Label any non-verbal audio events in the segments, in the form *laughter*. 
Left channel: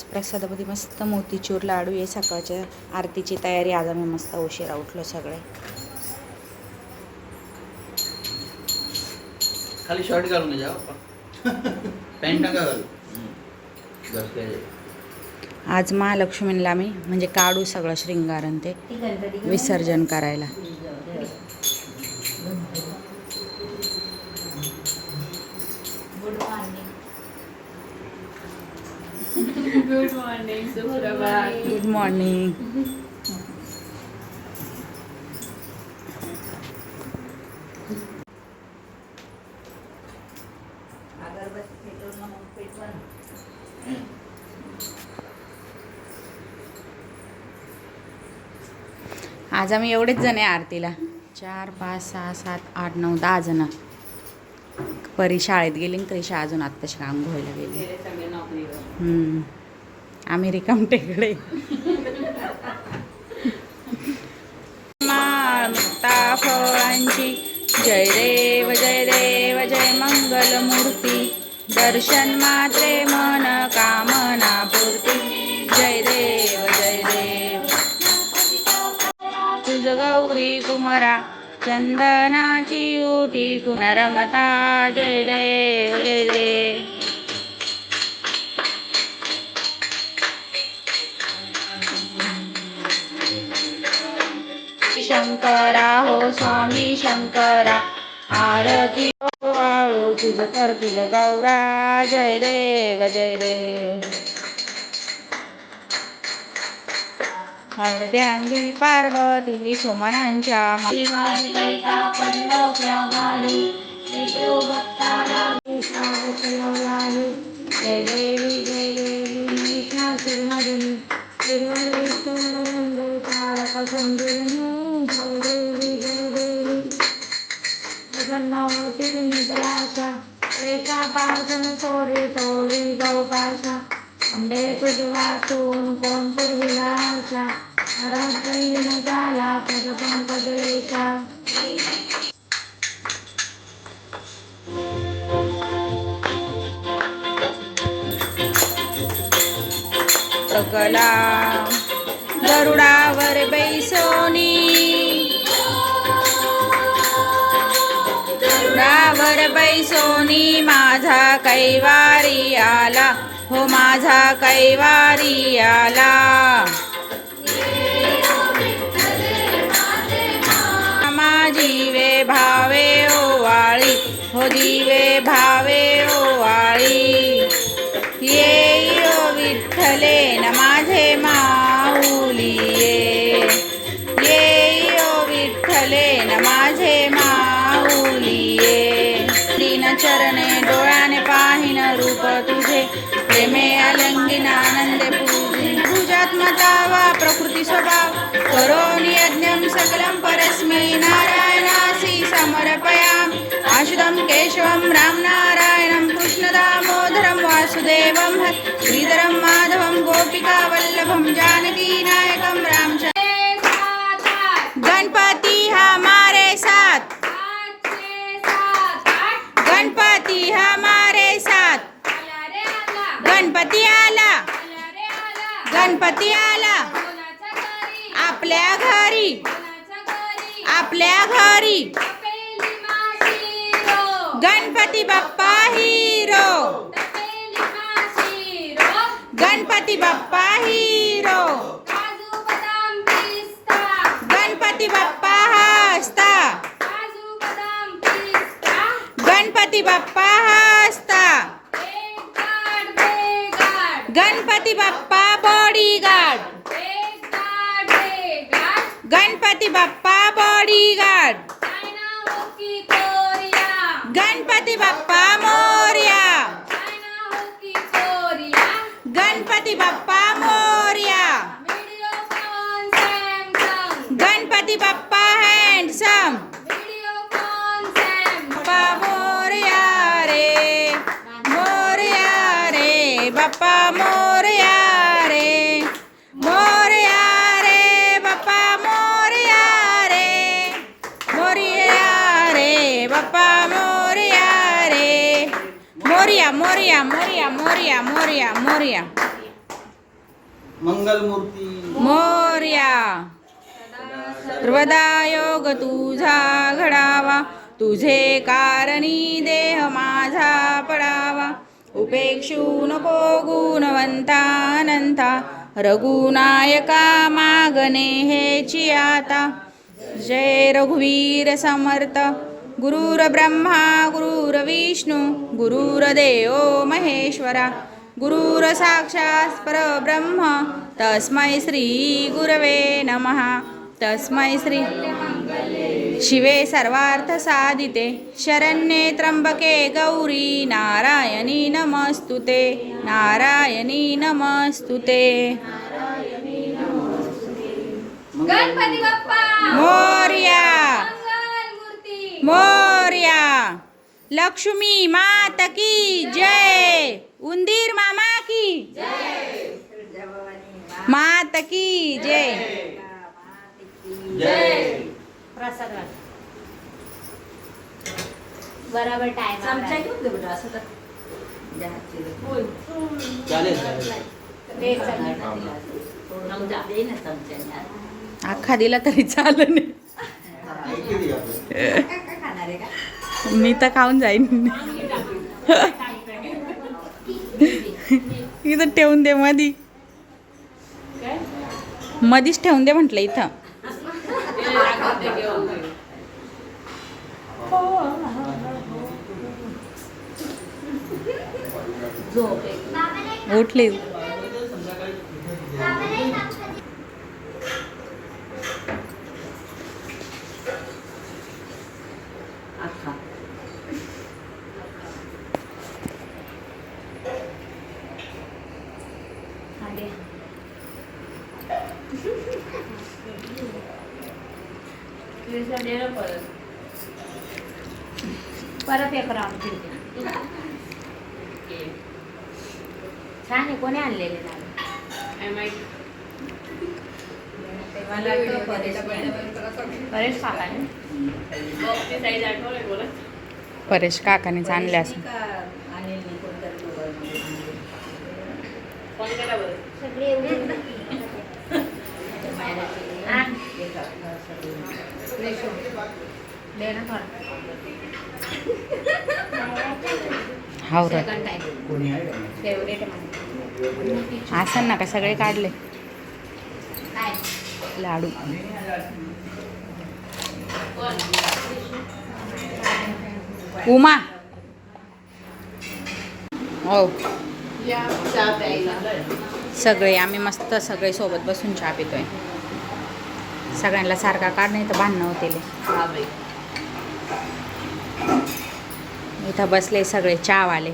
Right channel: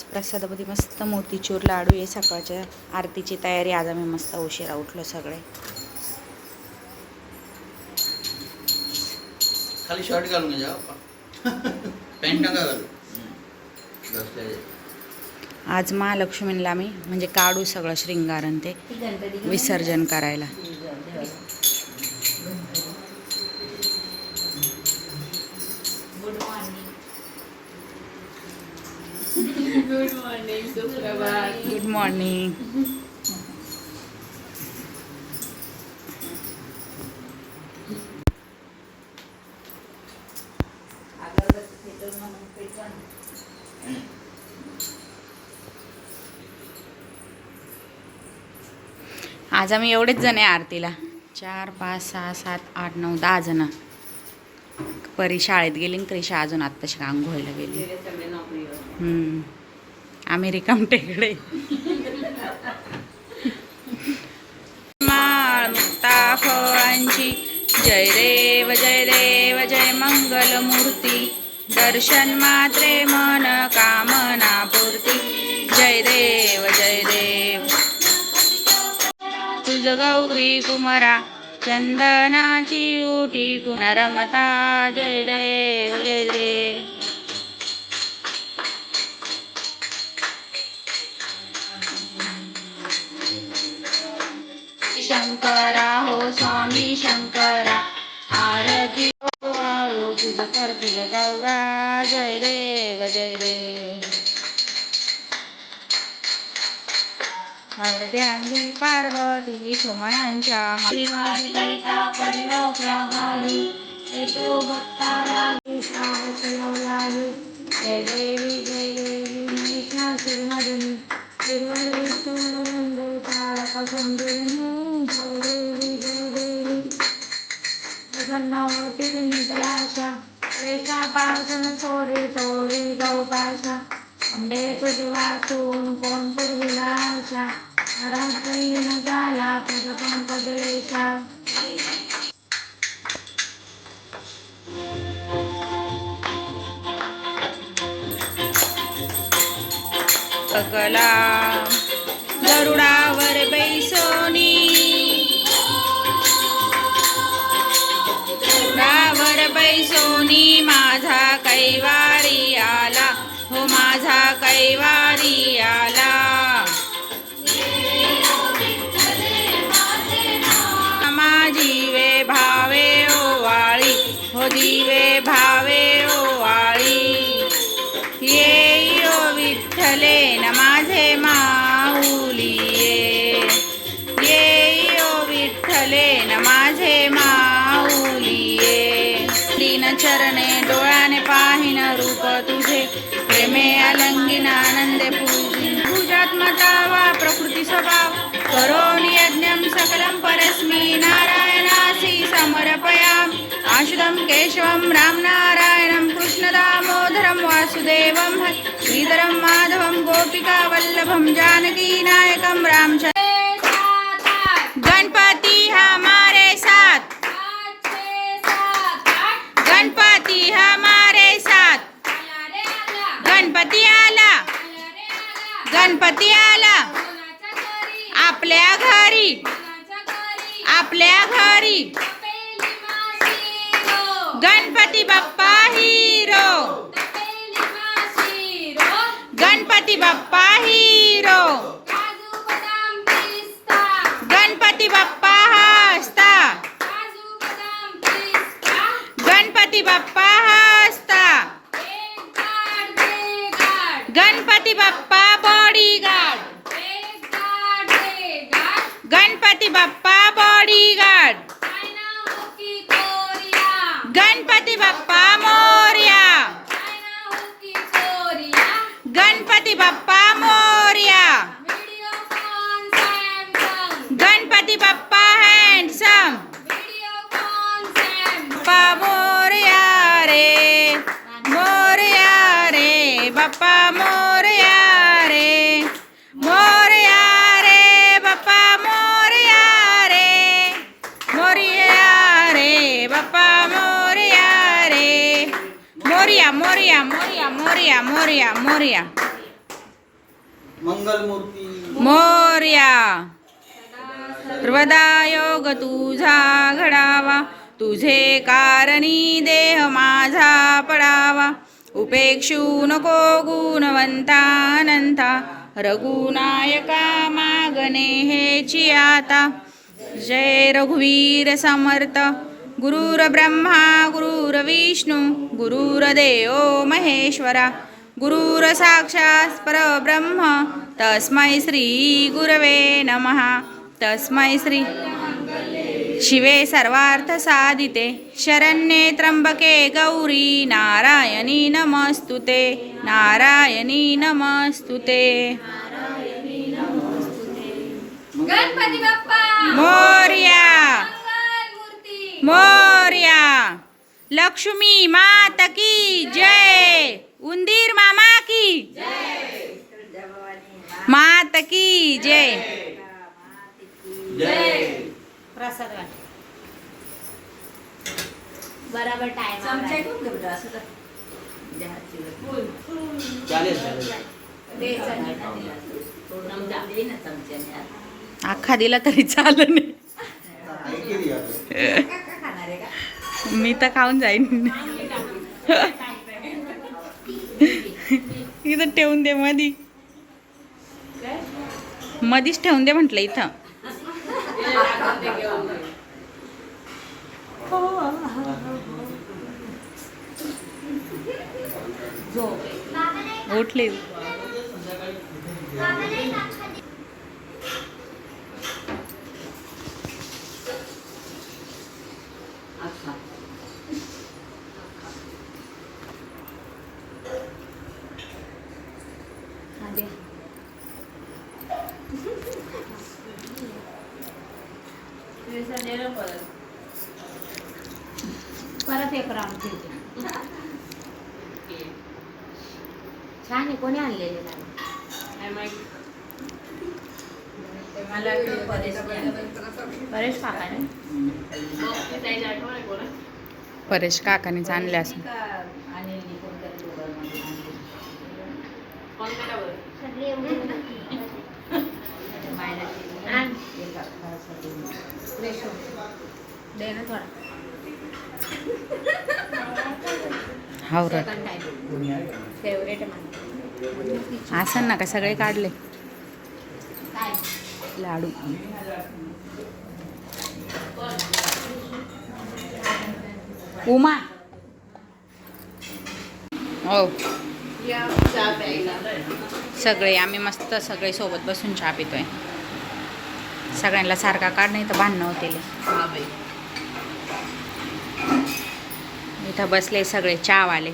आज प्रसादामध्ये मस्त मोतीचूर लाडू आहे सकाळच्या आरतीची तयारी. आज आम्ही मस्त उशिरा उठलो सगळे. खाली शर्ट घालून पॅन्ट नका घालू. आज महालक्ष्मीला आम्ही म्हणजे काढू सगळं श्रृंगारन ते विसर्जन करायला. गुड मॉर्निंग सुप्रभात गुड मॉर्निंग आज आम्ही एवढेच जण आहे आरतीला. चार पाच सहा सात आठ नऊ दहा जण. परी शाळेत गेली आणि क्रिशा अजून आत्ताशी आंघोळीला गेली गेले सगळे नोकरीवर हम्म. आम्ही रिकाम टेकडे माळ मुक्ता फळांची जय देव जय देव जय मंगल मूर्ती दर्शन मात्रे मन कामना पूर्ती. जय देव जय देव. तुझ गौरी कुमारा चंदनाची उठी पुनरमता जय देव जय देव. शंकरा हो स्वामी शंकरा. आरती हो वाळू तुझ करतील गौरा. जय देव जय देव हळद्यांगी पार्वती सुमनांच्या जय देवी जय देवी कृष्ण श्रीमदी श्रीमदी तारक सुंदरी जय देवी जय देवी जगन्नावती निद्राशा रेखा पासन चोरी चोरी गौपाशा अंडे तुझी वाचून कोण पुरविलाशा रात्री न झाला पद सकला। गरुडावर बैसोनी। गरुडावर बैसोनी माझा कैवारी आला. हो माझा कैवारी आला. माझी वे भावे ओवाळी हो जीवे भावे ओवाळी ये विठ्ठले न माझे माऊली ये ओ विठ्ठले न माझे माऊली ये दीन चरणे डोळ्याने पाहिन रूप तुझे. प्रेमे अलंगिन आनंदे पूजिन. पूजात्मता वा प्रकृती स्वभाव. करोनि यज्ञं सकलं परस्मी नारायणासी समर्पयामि. आशुधं केशवं रामनारायणं कृष्णदामोदरं वासुदेवं श्रीधरं माधवं गोपिकावल्लभं जानकीनायकं रामचन्द्र गणपति हमारे साथ। गणपति हमारे साथ। गणपती आला। गणपती आला। आपल्या घरी। आपल्या घरी। गणपती बाप्पा हिरो. गणपती बाप्पा हिरो. गणपती बाप्पा हसता. Ganpati Bappa हसता. Ganpati Bappa bodyguard Ganpati Bappa bodyguard Ganpati Bappa Morya Ganpati Bappa Morya. Ganpati Bappa handsome Bappa Morya रे. मोर्या रे. बाप्पा मोर्या रे. मोर्या रे. बाप्पा मोर्या रे. मोर्या रे. बाप्पा मोर्या रे. मोर्या मोर्या मोर्या मोर्या मोर्या मोर्या. मंगलमूर्ती. मोर्या. योग तुझा घडावा. तुझे कारणी देह माझा पडावा. उपेक्षू नको गुणवंता अनंता रघुनायका मागणे हे आता. जय रघुवीर समर्थ. गुरुर ब्रह्मा गुरुर विष्णू गुरुर्देव महेश्वरा. गुरुर साक्षात् परब्रह्म। तस्मै श्री गुरवे नमः। तस्मै श्री शिवे सर्वार्थ साधिते शरण्ये त्र्यंबके गौरी नारायणी नमस्तुते। नारायणी नमस्तुते। गणपती बाप्पा मोर्या मोर्या! लक्ष्मी मात की जय! उंदीर मामा की मात की जय जय बराबर टाइम चमचा घेऊन असं तर. अख्खा दिला तरी चालेल नाही मी तर खाऊन जाईन *laughs* इथं ठेवून दे मधी. मधीच ठेवून दे म्हटलं इथं. उठले अख्खा हा, दे. तुझ्या दे ना परत. परत एक राऊंड ठेवते छान आहे कोणी आणलेले लाडू? काय माहिती? ते मला परेश काकाने. परेश काकानेच आणले असं हा. अख्खा असं ना का? सगळे काढले. लाडू. उमा. हो. सगळे आम्ही मस्त सगळे सोबत बसून चहा पितोय. सगळ्यांना सारखा काढ नाही तर भांडणं होते. इथं बसले सगळे चहावाले.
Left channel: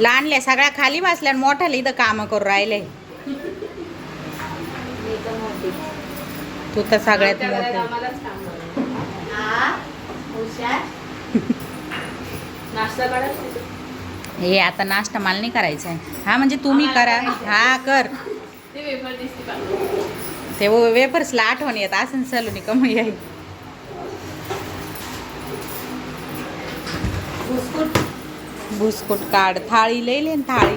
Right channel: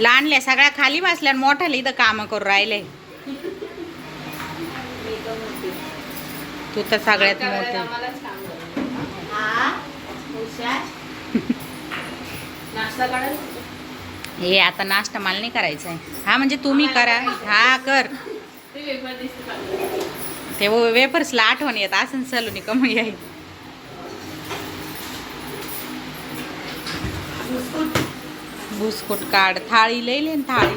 लहानले सगळ्या खाली बसल्या मोठ्याला इथं कामं करू राहिले. तू तर सगळ्यात मोठे. हा? *laughs* हे आता नाश्ता मला नाही करायचा आहे. हा म्हणजे तुम्ही करा. हा कर. ते वेफर्सला आठवण येत. असं सलूनी कमी आहे बुस्कुट काढ. थाळी लई लेन थाळी.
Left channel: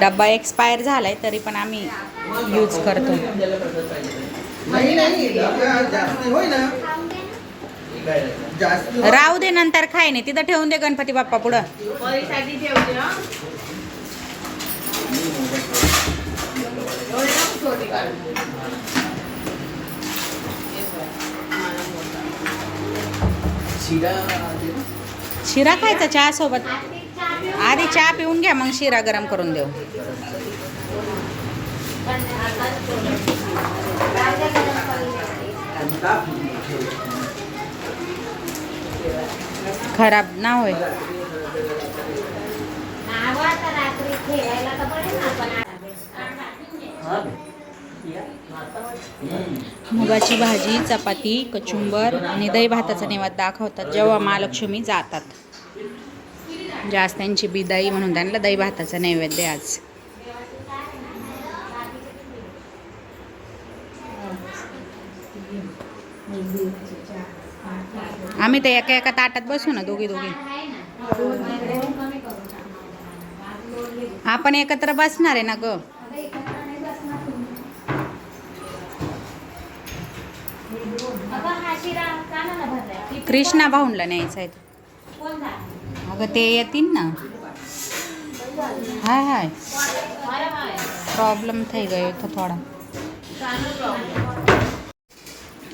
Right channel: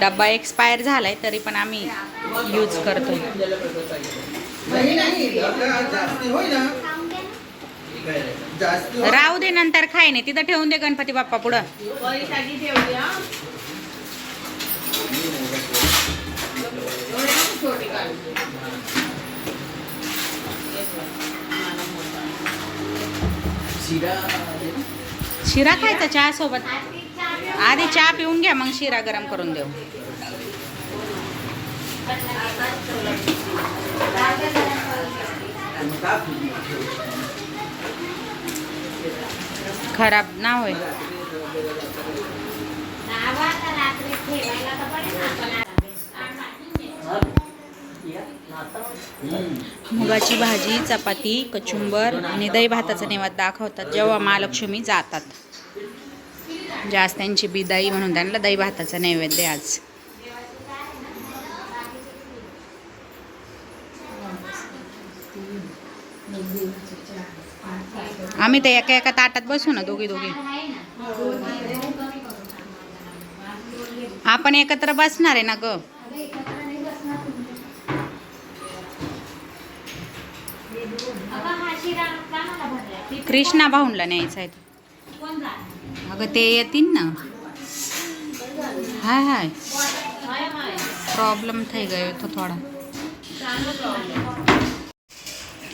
डब्बा एक्सपायर झालाय तरी पण आम्ही यूज करतो. राहू दे नंतर खाय नाही तिथं ठेवून दे गणपती बाप्पा पुढं. शिरा शिरा खायचा चहा सोबत आधी चहा पिऊन घ्या मग शिरा गरम करून देऊ. खराब ना होय. मुगाची भाजी चपाती कचुंबर आणि दही भाताचा नेवाद दाखवतात जेव्हा महालक्ष्मी जातात. जास्त त्यांची बिदाई म्हणून त्यांना दही भाताचा नैवेद्य आज. आम्ही तर एका एका ताटात बसू ना दोघी दोघी. आपण एकत्र बसणार आहे ना ग? कृष्णा भाऊनला न्यायचा आहे अगं ते येतील ना. हाय हाय. प्रॉब्लेम थी गयो तो थोड़ा.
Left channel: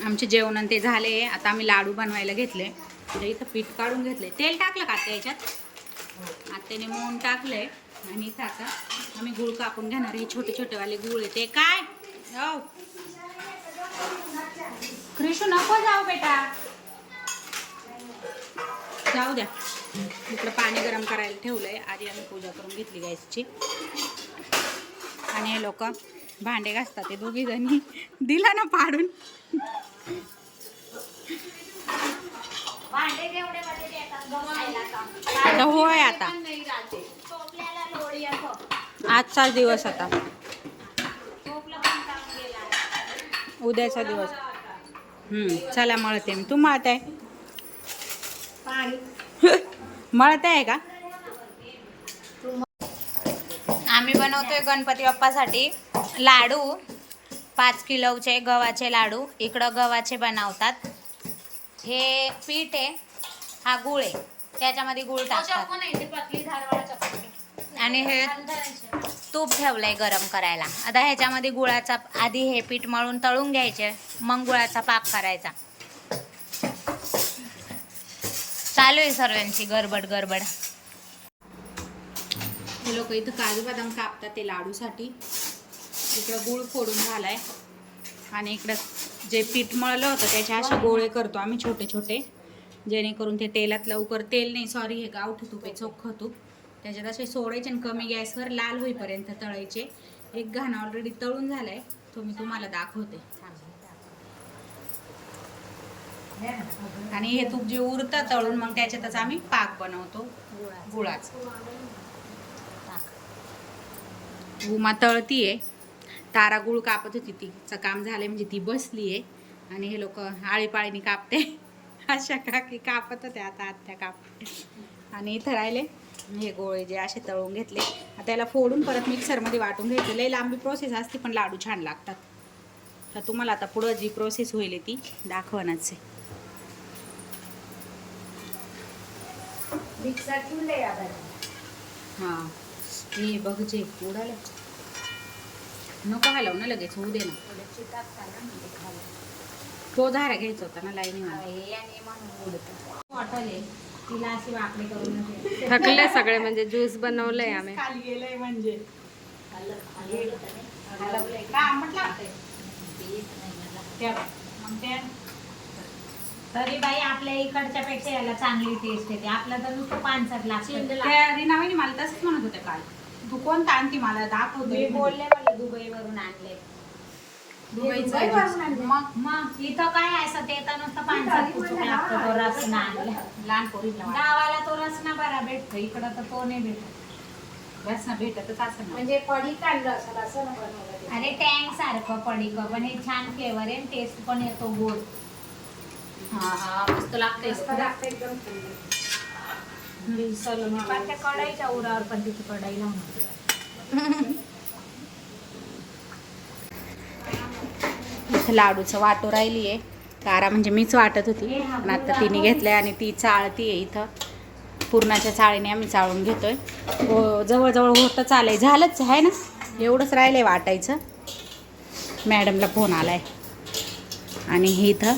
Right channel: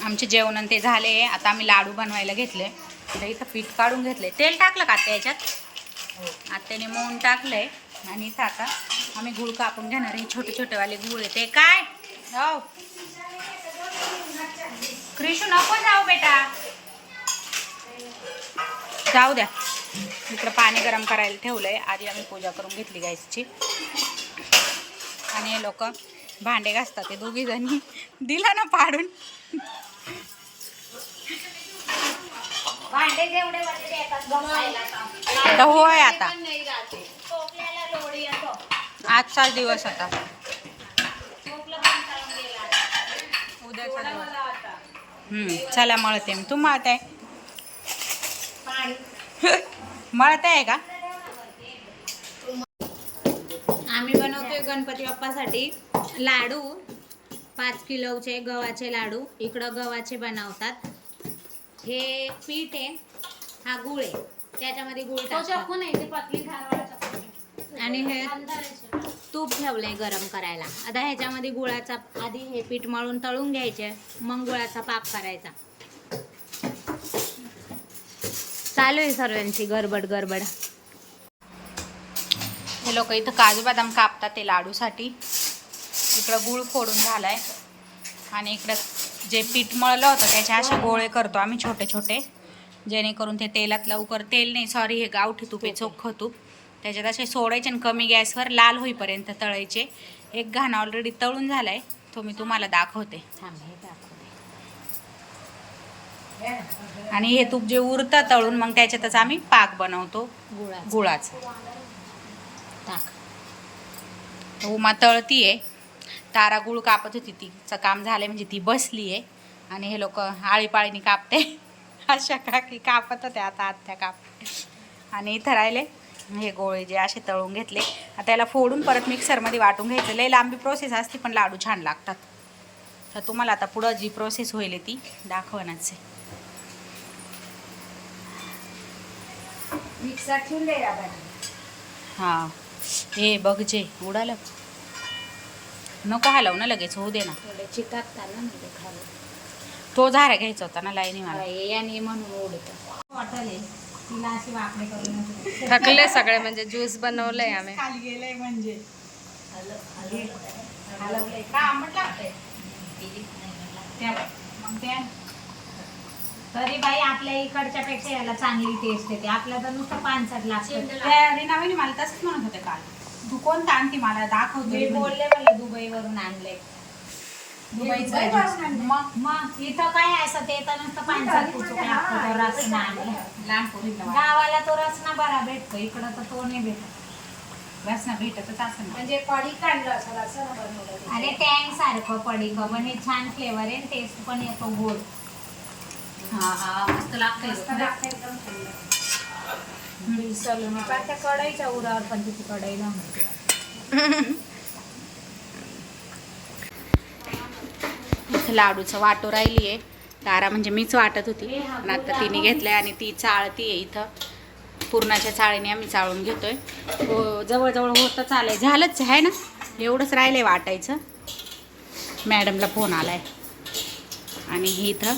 आमचे जेवण ते झाले. आता आम्ही लाडू बनवायला घेतले. तर इथं पीठ काढून घेतले. तेल टाकलं का त्या याच्यात? आत्याने मोहन टाकलंय. आणि इथं आता आम्ही गुळ कापून घेणार हे छोटे छोटेवाले गुळ आहे ते. काय? हो क्रिशू नको जाऊ बेटा. जाऊ द्या. इकडं पाणी गरम करायला ठेवलंय. आधी आम्ही पूजा करून घेतली गॅसची आणि हे लोक भांडे घासतात. ते दोघी जणी दिला ना पाडून. भांडे जेवढे म्हणजे ते एकाच घासायला का? तर होय आता. पण नाही राहते. टोपल्याला लोडी येतो आजचाच दिवस आता. टोपलं पण काढून गेला उद्याचा दिवस. हम्म, चला मळते मी. तू मळते पाणी. *laughs* मळते आहे का? आम्ही बनवतोय गणपती बाप्पासाठी लाडू. पाच किलोचे गव्हाचे लाडू इकडं गव्हाचे बनवतात. हे पीठ आहे हा गुळ आहे. त्याच्यामध्ये गुळ टाकतात. आणि हे तूप ठेवलंय गरम करायला. आता ह्याच्यामध्ये गुळाचा आधी हे पीठ मळून तळून घ्यायचे मग गुळाचा पाक करायचा. चालू आहे सर्वांची गडबड गडबड हे लोक इथं काजू बदाम कापतात ते लाडूसाठी. इकडं गुळ फोडून झालाय. आणि इकडं जे पीठ मळलं होतं त्याचे असे गोळे करतो आम्ही छोटे छोटे. जेणेकरून ते तेलात लवकर तेल नाही सॉरी हे गावठी तूप आहे चोख्खं तूप. त्याच्यात असे सोडायचे आणि कमी गॅसवर लाल होईपर्यंत तळायचे. एक घाण ऑलरेडी तळून झालाय. तो मी तुम्हाला दाखवते. आणि हे तूप जे उरतं तळून मग त्याच्यातच आम्ही पाक बनवतो. गुळाचा. उमा तळतीये. तारा गुळ कापत होती तिचं काम झालंय म्हणजे ती बसली आहे आणि हे लोक आळीपाळीने कापते. *laughs* अशा काकी कापत होत्या आता आत्या काप आणि इथं राहिले. हे गोळे जे असे तळून घेतले. आता त्याला फोडून परत मिक्सरमध्ये वाटून घ्यायचं. लई लांबी प्रोसेस असते पण लाडू छान लागतात. तर तुम्हाला आता पुढं जी प्रोसेस होईल ती दाखवणच आहे मिक्सर ठेवून हां. हे बघ जे उडालं. नको हलव ना लगेच होऊ दे ना. तो झारा घ्यायचा होता ना लाईनी मला याने म्हणून उडत वाटले तिला अशी वाकडे करून थकले सगळे म्हणजे ज्यूस बनवलंय आम्ही. खाली गेले म्हणजे. तरी बाई आपल्या इकडच्या पेक्षा याला चांगली टेस्ट येते. आपला तर नुसतं पानसट लागतं त्या रिनाबाईने मला तसंच म्हणत होते काल. तू कोणता आणखी मला मी दाखवते बोलले मला दुबईवरून आणले. दुबईचं juice. मग? इथं काय असं ते तर नुसतं लागतो तो रसना आणला. लहान पोरीला वाट. गावाला तो रसना बरा भेटतो इकडं तर तो नाही भेटत. रसना भेटतच असं. म्हणजे काढलं अरे टँक सारखं पडी पण हे छान फ्लेवर आहे टेस्ट पण येतो गोड. हा हा मस्त लागते सलून त्या कढईच्या उरावर पण तिची कढई लावून इथं लाडूचं वाटो राहिली आहे तारा म्हणजे मीच वाटत होती पण आता तिने घेतलंय आणि ती चाळती आहे इथं. पूर्णाच्या चाळीने आम्ही चाळून घेतोय. हो जवळजवळ होतं चालय झालंच आहे ना? एवढंच राहिलंय वाटायचं. मॅडमला फोन आलाय. आणि हे इथं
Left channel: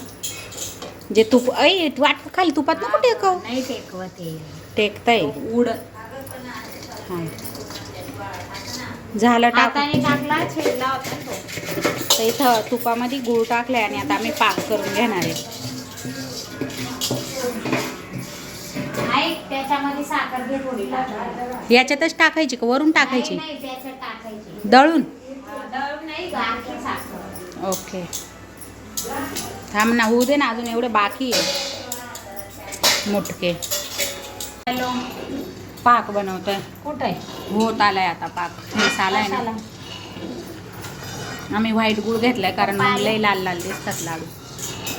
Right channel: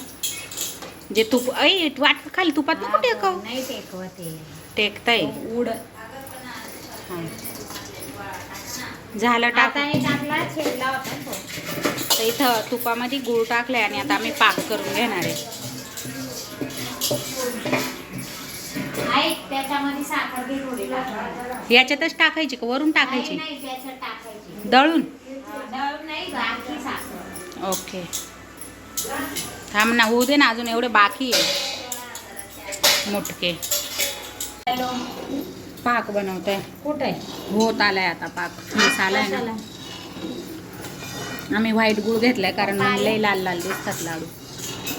जे तूप ऐ वाट खाली तुपात नको टेकव. नाही टेकवत ते टेकताय. उड. हां झालं टाक. टाकला छेडला होता तो. तर इथं तुपामध्ये गूळ टाकलाय आणि आता आम्ही पाक करून घेणार आहे. ऐक त्याच्यामध्ये साखर घे थोडी. टाकायला. याच्यातच टाकायची का? वरून टाकायची? नाही नाही, त्याच्यात टाकायची. दळून? दळून नाही गाठी साखर. ओके. थांब ना होऊ दे ना अजून एवढे बाकी आहे. मुटके. हॅलो. पाक बनवतोय. कुठे? होत आलाय आता पाक. फेस आलाय ना. आम्ही व्हाईट गुळ घेतलाय कारण मग लय लाल लाल दिसतात लाडू.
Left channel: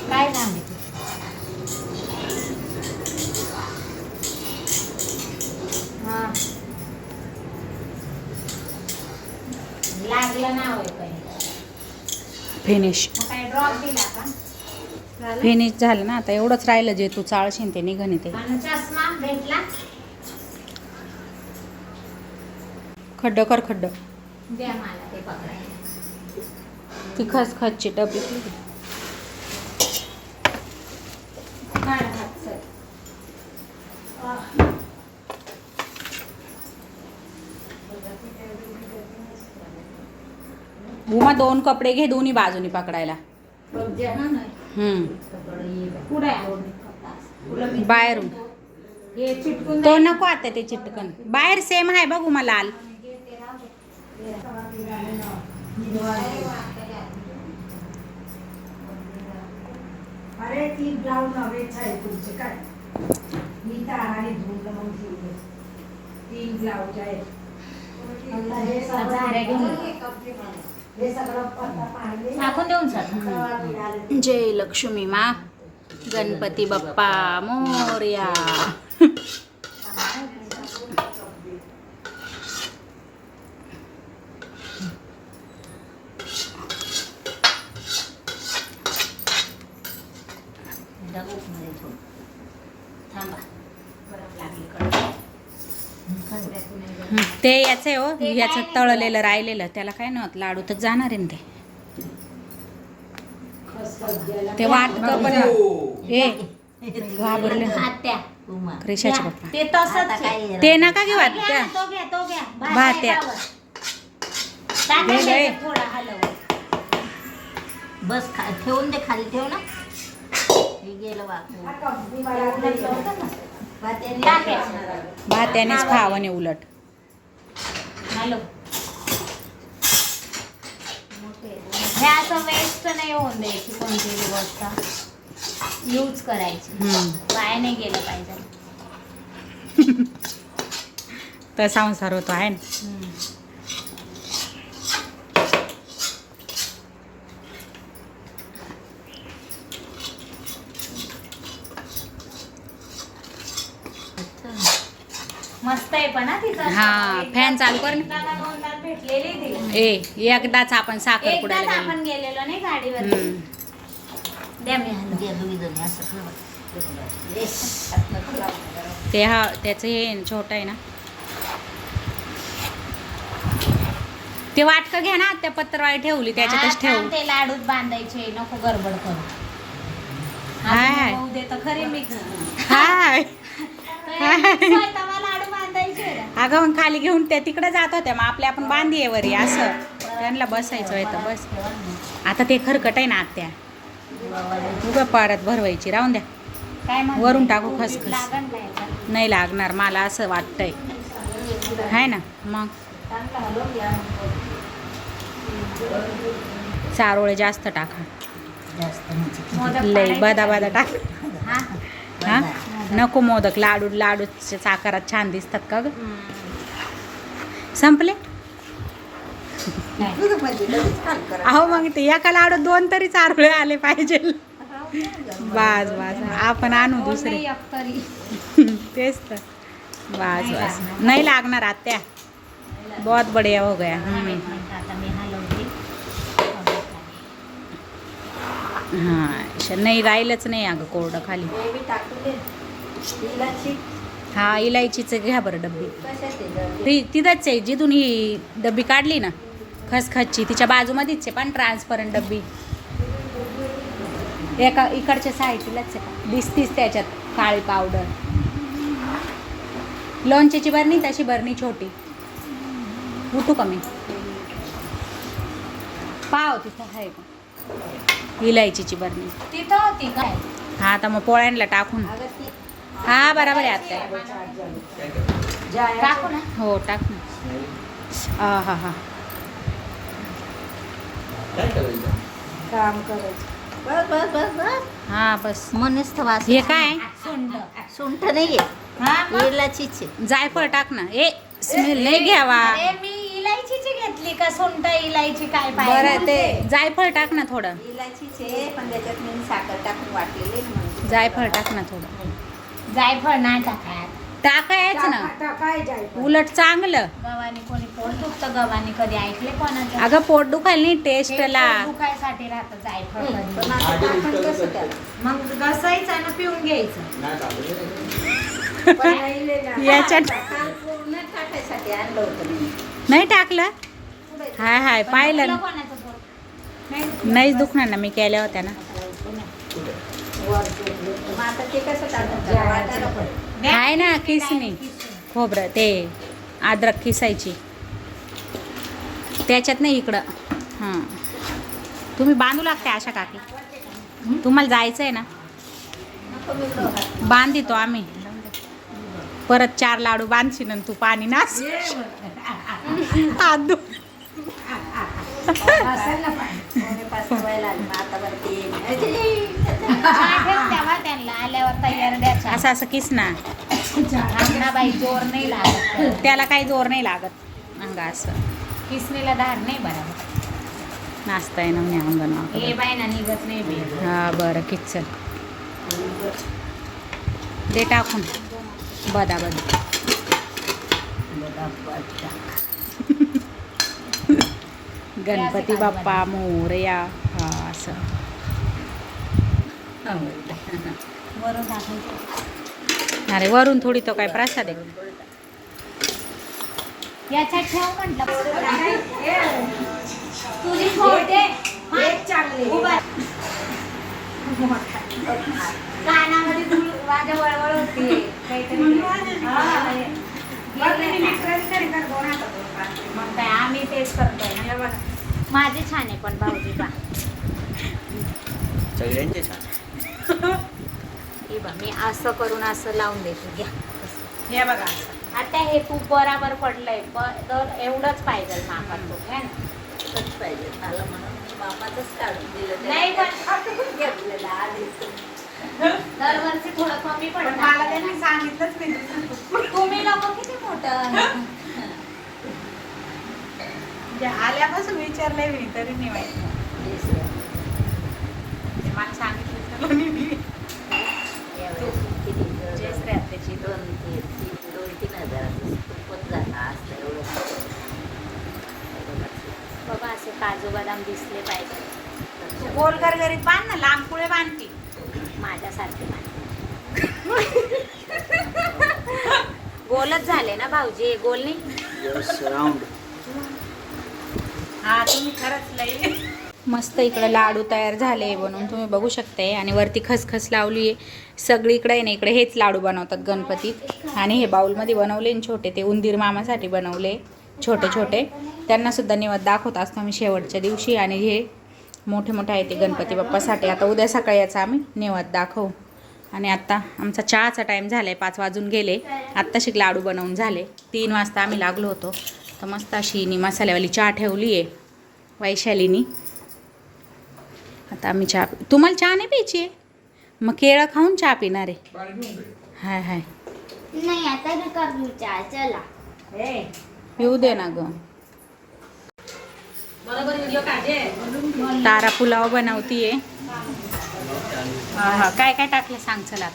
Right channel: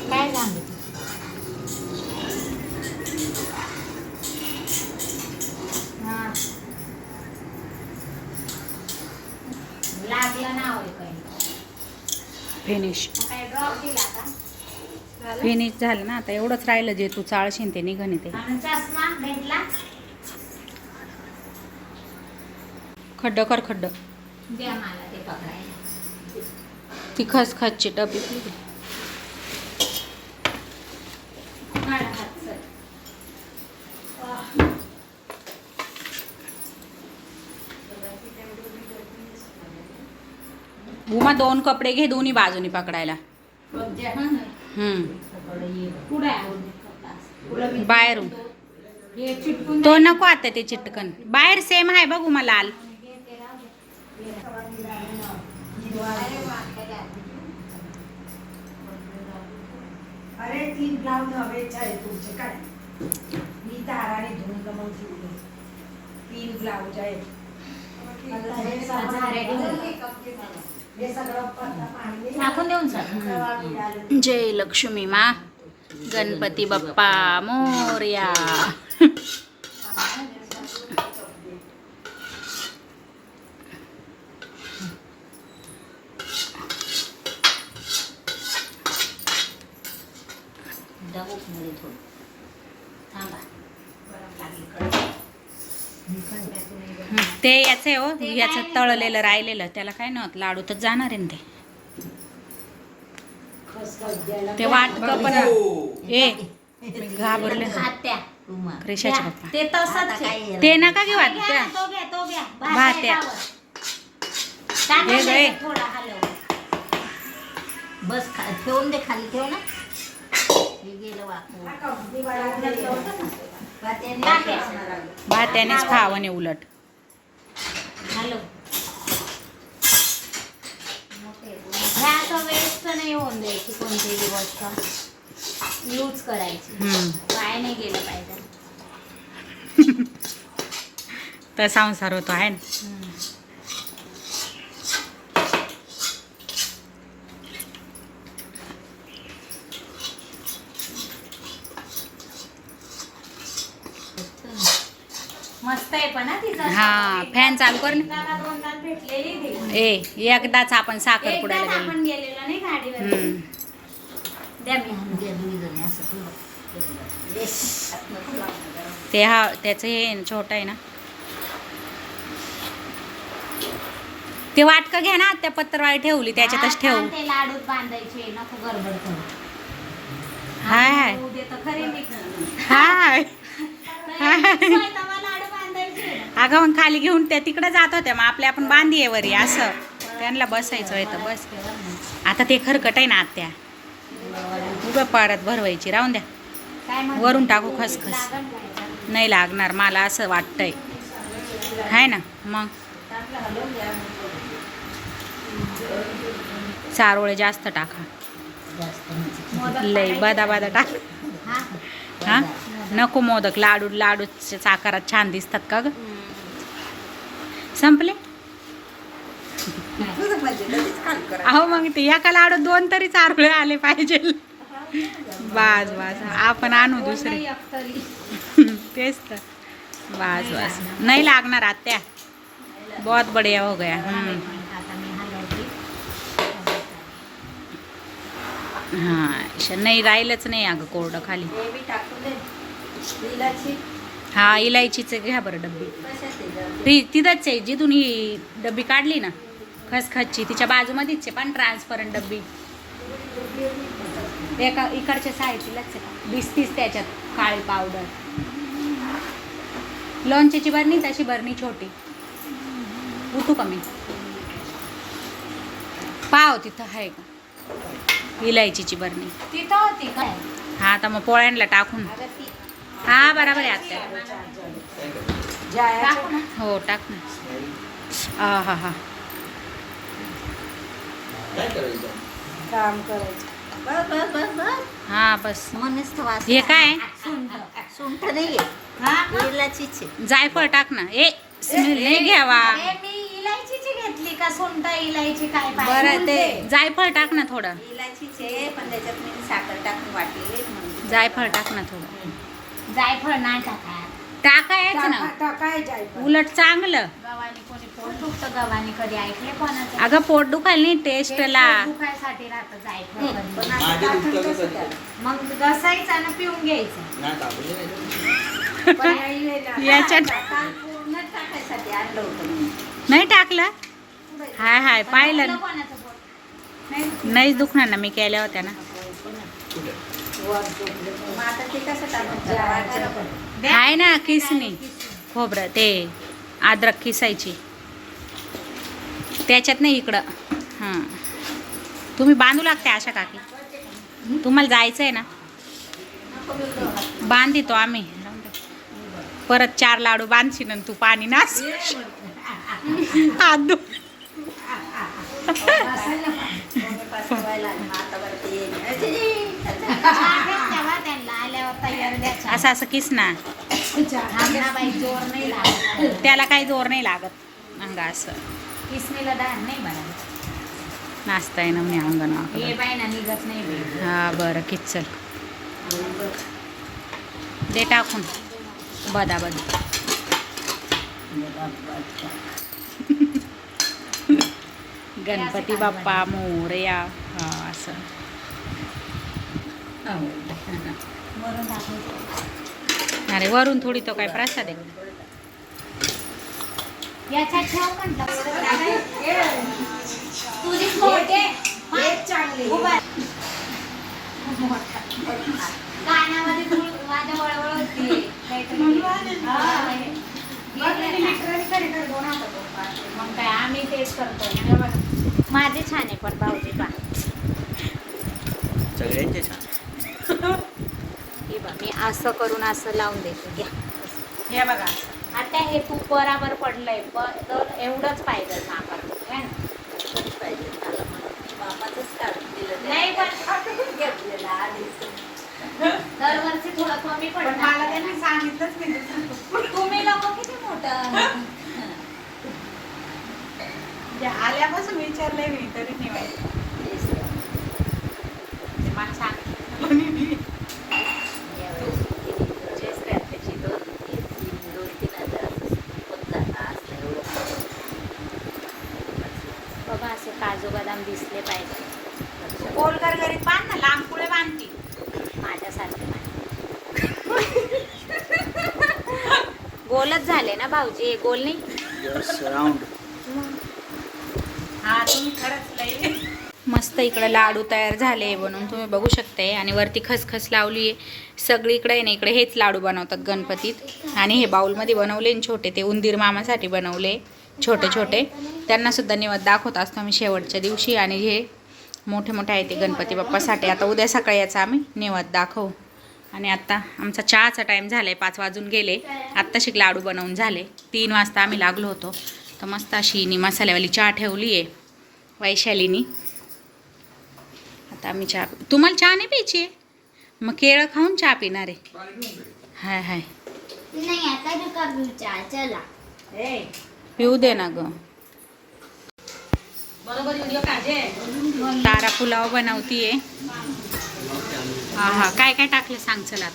काय हा. लागलं ना काही फिनिश मग काय ड्रॉप दिला का? फिनिश झालं ना आता एवढंच राहिलं जे तू चाळशीन ते निघन ते खड्ड कर खड्ड. ते खसखसची डबी. उमा दोन कपडे घे दोन्ही बाजूनी पकडायला. हम्म. पुढे आहे. बाहेरून. हे चिटकून तो नको आता ते चिटकन. बाहेर सेम आहे बघ लाल अरे तीन हवेच आहे टाकून देऊन सर. जय लक्ष्मी मा. गणपती बाप्पा मोर्या. थांबा. ते याचं आहे हो ते याचं काय? तळलेलं राहिलेलं त्याला काय नव्हतं लाडू तर जाणार आहे ना ते ते वाटक पण ए घाबरले द्या. पप्पा ते तसंच आहे. ते नका घेऊ घ्या ना, आत्या तो घ्या तो घ्या भात भात आहे आहे. त्यावर. टाका घे गं, त्याच्यात ए. थोडं हलव बस खा ठेवून दे खाली ठेव ना हे गेलं वाकून टाक्या. भात त्यानेच खावं नाही उलट हे असं वेस्ट नाही होऊन द्यायची कोणतीही गोष्ट. यूज करायची. वाया नाही गेलं पाहिजे. तर संसार होतो आहे ना मस्त आहे पण हा फॅन चालू कर ना. ए एकदाच आपण साखर पुडायला गेलो. हं. ते हा त्याचं हे छोटं आहे ना. ते वाटकं घ्या ना त्या पत्रवाळी ठेवली त्याच्यातच ठेवू. ते लाडूत बांधायचे नको गडबड करू. हाय हाय. मिक्स हाय *laughs* स्वयंपाकाला लाडू बांधायचे ना. अगं मग खाली घेऊन त्या तिकडे जात होत्या. मग आपल्या आपण बांधी आहे वरी असं. त्यांना बसायचं आहे तर बस. आता ते खरकट आहे ना आत्या. उगं परत भरवायची. राहून द्या? वरून टाकू खसखस. नाही लागणार मला असं वाटतंय. आहे ना मग? चारोळे जास्त टाका. करायचे. बदा बदा टाक. हा? नको मोदक. लाडू लाडूच्या आकारात छान दिसतात का ग? संपले? अहो मग ते एका लाडू दोन तरी चारोळे आले पाहिजे. बास बास. आपण आणू दुसरे. तेच तर. बास बास. नाही लागणार आत्या. बहुत बढिया हो गया. हां नाही राहिलंच नाही अगं कोरडं खाली. हे हा इलायचीचं घ्या बरं डब्बी? ती तिथंच आहे जिथून ही डब्बी काढली ना खसखसची तिच्या बाजूमध्येच आहे पण ट्रान्सपरंट डब्बी. एका इकडच्या साईडलाच आहे का दिसतीच त्याच्यात काळी पावडर लोणच्याची बरणी तशी बरणी छोटी. उठू का मी? पाव तिथं आहे का? इलायचीची बरणी तिथं होती काय? हा आता मग पोळ्यांना टाकून. हा बराबर आहे टाकू ना? हो टाक ना. आ हा हा. काम बस बस बस बस. हा बस. मनीस तर वास हे काय? सुंड सुंठ हा? इलाचीच आहे जायफळ टाक ना. ए स्मेल नाही घ्यावा. मी इलायचीची घेतली का सुंठ इलायची काय पाहिजे? बरं ते. जायफळ टाक ना थोडं. इलाचीच आहे पण त्याच्यात मी साखर टाकून वाटलेली. जायफळ टाक ना थोडं. जायफळ नाही टाकायत टाकायच ना टाका- टाकाय जायचं. उलट चांगलं गव्हाने कोणी पोट दुखतं गव्हाने कधी ऐकले कोणाचं अगं पोट दुखायला नाही टेस्टला दुखायसाठी राहतं जायफळ कधी. पण आता आधी टाकून दुसरं कसं करतो. त्याला? मग घसायचं आणि पिऊन घ्यायचं नाही टाकलं. पण. याच्यात काल पूर्ण टाकायसाठी आणलं होतं मी. नाही टाकलं हाय हाय पाहिलं दुखलं ना कोणाचं पोट? नाही दुखणार ना मी केल्या होत्या ना आहे ना किसणी खोबरं ते अद्रक किसायची. त्याच्यात नाही इकडं. हां. तुम्ही बांधू लागते अशा काकी. तुम्हाला जायचं आहे ना? बांधितो आम्ही. परत चार लाडू बांधशील आणि तू पाणी नास. आदू बरं असं असं किस ना. बाई जोर नाही लागत. त्याला काही जोर नाही लागत. अंगा असं. किसनीला धार नाही बरोबर नाचता येणं म्हणे अंगण हे हा बरं किच चल. दे टाकून. बदा बदा गणपती बाप्पा मोरया हा असं. *laughs* अरे वरून थोडी तो काय प्रसाद आहे. याचा ठेव म्हटलं तुझी फोडे हेच चांगली. उभा कानामध्ये तुझी माझ्या वळवळ होती. पाणी. मग काय आम्ही तेच करतोय हे. माझे छान आहे पण भाऊजी पा सगळ्यांचे छान हे बघ मी असं करून असं लावून देते घ्या हे बघा आता हे तूप बराबर पडलंय तर एवढंच पाहिजे मापात तूप, है ना? तोच पाहिजे. त्याला काढून दिलं. नाही पण घेतलेलं आधीच. दरवर्षी थोडं कमी पण मला त्यांनी सांगितलंच नाही तुम्ही लोक किती मोठं आल्यापासून विचारलंय मी तरी नाही माहिती. तेच ना. मला सांगितलं नाही. तेच काय त्याची दोन ते- तीन- दोन तीन हजार होतात. आज नाही एवढं. बघा असं काजू बदाम दिसले पाहिजे गोल गरगरीत बांध ना लांब पुढे बांधती माझ्यासारखे गोलच झाले ना भाऊजी गोल नाही हा तुम्ही खरंच मस्त इकडे लाडू तयार झाले बनवून तुम्ही बघू शकताय. आणि वरती खसखस लावली आहे. सगळीकडे आहे ना इकडे हेच लाडू बनवतात गणपतीत. आणि हे बाऊलमध्ये बनवले आणि छोटे ते उंदीर मामासाठी बनवले छोटे छोटे. त्यांना सुद्धा निवद दाखवत असतो आम्ही शेवटच्या दिवशी. आणि हे मोठे मोठे आहे ते गणपती बाप्पासाठी. आता उद्या सकाळी याचा आम्ही निवद दाखवू. आणि आत्ता आमचा चहाचा टाईम झाला आहे पाच वाजून गेले. आत्ता शिक लाडू बनवून झाले. तीन वाजता आम्ही लागलो होतो. तर मस्त अशी नी मसाल्यावाली चहा ठेवली आहे वैशालीनी. आता आम्ही चहा पि- तुम्हाला चहा नाही प्यायची आहे? मग केळं खाऊन चहा पिणार आहे. हाय हाय. नाही आता कर चला. पिऊ दे ना ग. तारा पुलाव बनवतीये. हा हा. काय काय टाकलं सांग चला.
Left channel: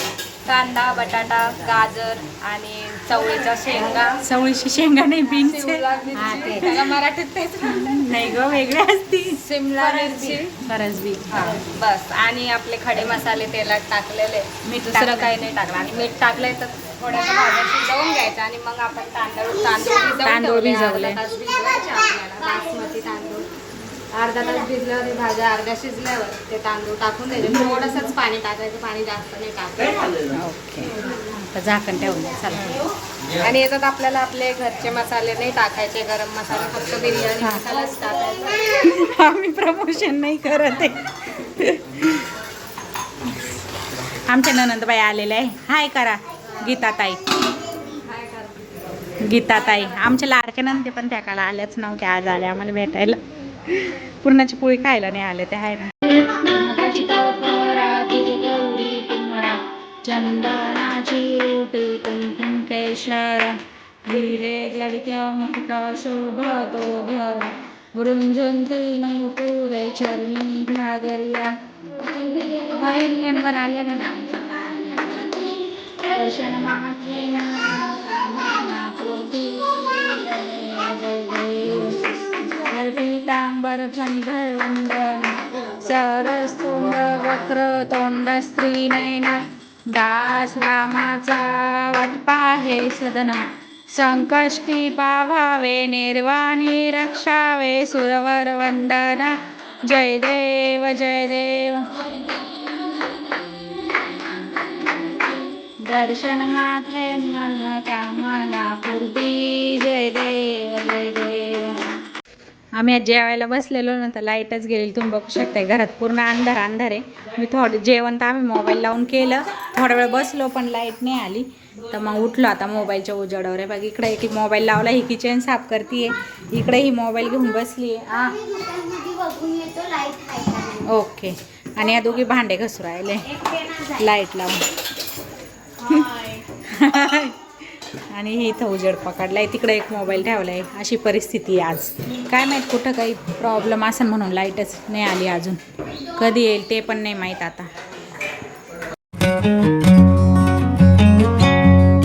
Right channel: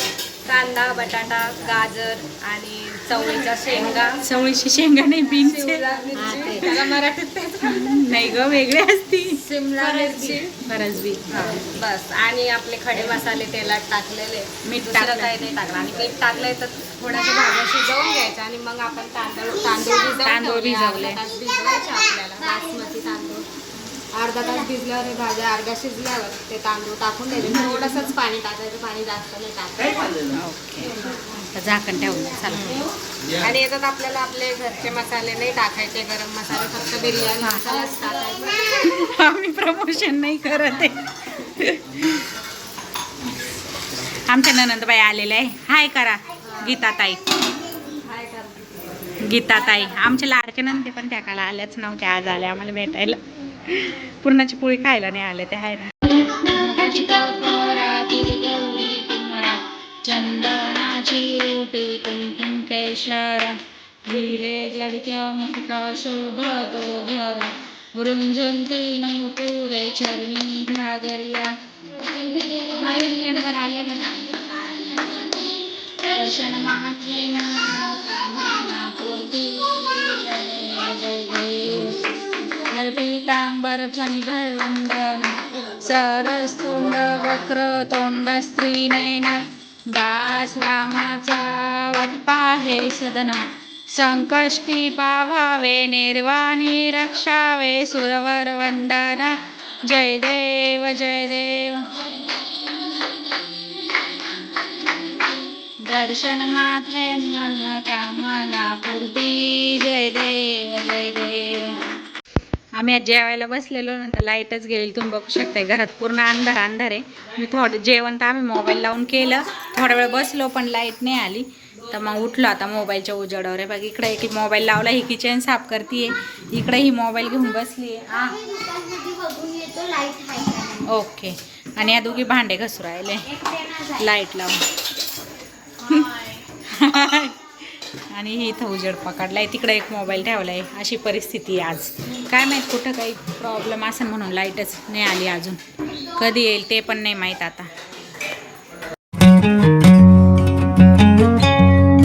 कांदा बटाटा गाजर आणि चवळीच्या शेंगा. चवळीची शेंगा नाही बीन्स शिमला मिरची. त्याला मराठीत तेच नाही ग वेगळे असती. शिमला मिरची. फरसबी. हा, बस. आणि आपले खडे मसाले तेलात टाकलेले. मीठ दुसरं टाकलं. काही नाही टाकलं. आणि मीठ टाकलंय तर थोडंसं भाज्या शिजवून घ्यायचं आणि मग आपण तांदूळ तांदूळ तांदूळ. भिजवले. भिजवायचे आपल्याला. बासमती तांदूळ. अर्धा तास भिजल्यावर हे भाज्या अर्ध्या शिजल्यावर ते तांदूळ टाकून द्यायचे थोडंसंच पाणी टाकायचं पाणी जास्त नाही टाकायचं ओके. झाकण ठेवून द्या चला. आणि याच्यात आपल्याला आपले घरचे मसाले नाही टाकायचे गरम मसाले फक्त बिर्याणी हा. मसालाच टाकायचा आम्ही प्रमोशन नाही करत आहे. आमच्या ननंदबाई आलेल्या आहे. हाय करा गीताताई. गीताताई. आमच्या लाडक्या नंदे पण त्या काळा आल्याच नव्हत्या आज आल्या आम्हाला भेटायला. पुरणाची पोळी खायला नाही आले त्या आहे ना. चंदनाची ओटी कुंकुम केशर हिरे नमुपुरे चरणी घागर्या वर आल्या ना दर्शन मागे. जय पीतांबर चंद्र सरस्तुंड वक्र तोंड स्त्री दास रामाचा पाहे सदन संकष्टी पावावे निर्वाणी रक्षावे सुरवर वंदन जय देव जय देव। दर्शन मात्रे मन कामना पूर्ती जय देव जय देव। आम्ही आज जेवायला बसलेलो ना तर लाईटच गेली. तुम्ही बघू शकताय घरात पूर्ण अंधार अंधार आहे. मी थोडं जेवण तर आम्ही मोबाईल लावून केलं. थोडा वेळ बसलो पण लाइट नाही आली. तर मग उठलो आता मोबाईलच्या उजेडावर आहे. बघ इकडे एक मोबाईल लावला ही किचन साफ करते इकडे ही मोबाईल घेऊन बसली आहे ओके आणि या दोघी भांडे घसू राहिले लाइट लावून. *laughs* आणि ही इथं उजेड पकडलाय. तिकडे एक मोबाईल ठेवलाय. अशी परिस्थिती आज. काय माहीत कुठं काही प्रॉब्लेम असेल म्हणून लाईटच नाही आली अजून. कधी येईल ते पण नाही माहीत आता.